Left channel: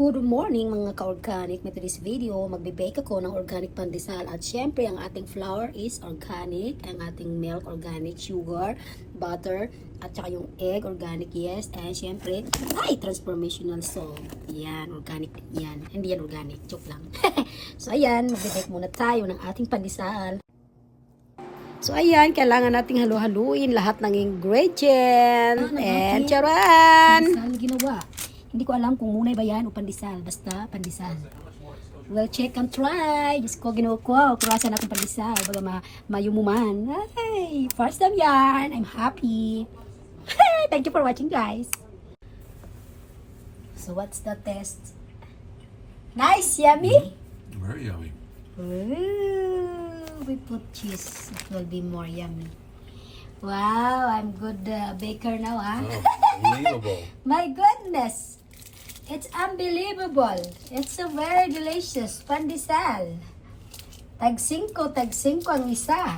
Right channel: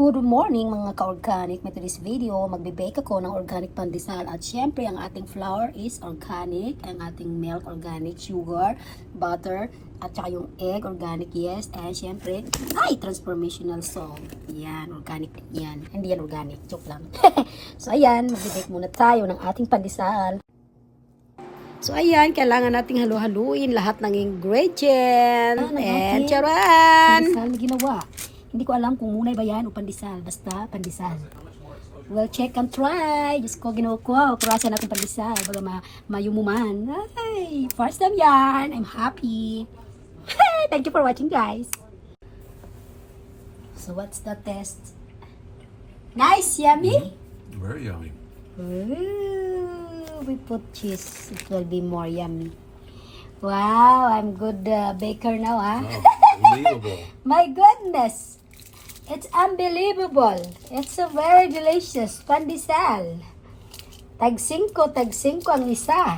Good morning mga ka-organic. May today's video, magbe-bake ako ng organic pandesal. At syempre, ang ating flour is organic. Ang ating milk organic, sugar, butter, at saka yung egg organic, yes. And syempre, transformational salt. Yan, organic yan. Hindi yan organic, joke lang. So ayan, magbe-bake muna tayo ng ating pandesal. So ayan, kailangan nating halu-haluin lahat ng ingredients. And charan! Pandesal ginawa. Hindi ko alam kung munay ba yan o pandesal. Basta pandesal. Well, check and try. Diyos ko, ginawa ko. Kurasan natin pandesal. Baga mayumuman. Ay, first time yan. I'm happy. Thank you for watching, guys. So, what's the test? Nice, yummy? Very yummy. Ooh, we put cheese. It will be more yummy. Wow, I'm good baker now, huh? Oh, unbelievable. My goodness. It's unbelievable. It's so very delicious. Pandesal. Tag 5 ang isa.